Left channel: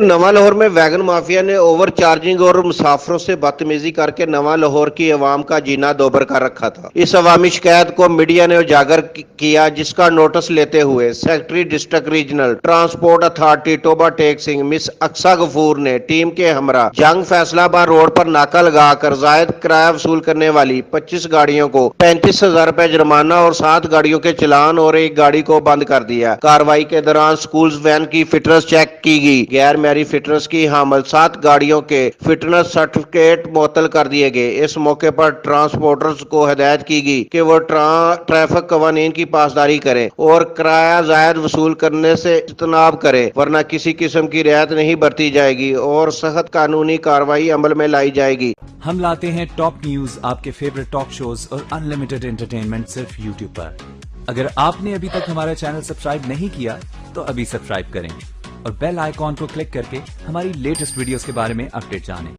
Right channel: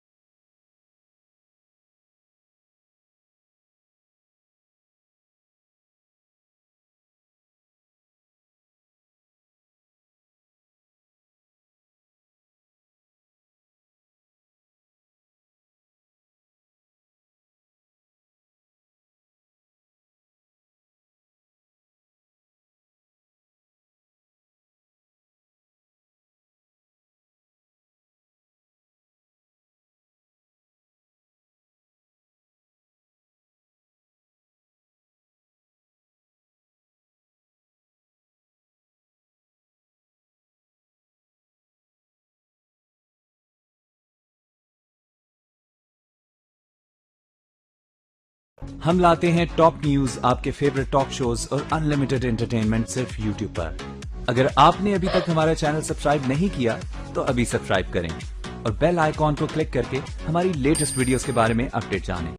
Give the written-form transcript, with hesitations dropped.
नवा लाहौर में wagon mafia ने ओवर चार्जिंग और मुसाफरों से बदतमीजी करके नवा लाहौर की अवाम का जीना दोबर कर रखा था। इस अवामी शिकायत को मीडिया ने उजागर किया, जिसका नोटिस लेते हुए secretary district regional transport authority Toba Tek Singh miss Aqsa Ghafoor ने टीम के हमरा जंग फैसलाबाद रोड पर नाका लगाकर जायद किराया वसूल करने वाली 25 गाड़ियों को 35,000 रुपए जुर्माना और 7 गाड़ियों के चलान और एक गाड़ी को बंद कर दिया। कार्रवाई के दौरान स्कूल वैन की फिटनेस चेक की गई। गैर मैरी फिटनेस की हामिल 7 गाड़ियों के फिटनेस सर्टिफिकेट मुअत्तल कर दिए गए। इस मौके पर ट्रांसपोर्टर्स को हिदायत की गई कि वो ट्रैफिक कवानीन की पासदारी करें और किराया जायद वसूल करने से इज्तनाब करें, वरना किसी किस्म की रियायत नहीं बरती जाएगी और सख्त कानूनी कार्रवाई अमल में लाई जाएगी। हम लाते हैं टॉप न्यूज, आपके फेवरेट टॉक शोज और अनलिमिटेड एंटरटेनमेंट सिर्फ यूट्यूब पर। अगर आपने अभी तक हमारा चैनल सब्सक्राइब नहीं किया तो अभी सब्सक्राइब करें और बेल आइकॉन को क्लिक करके हमारी लेटेस्ट वीडियोस के बारे में अपडेट जानें।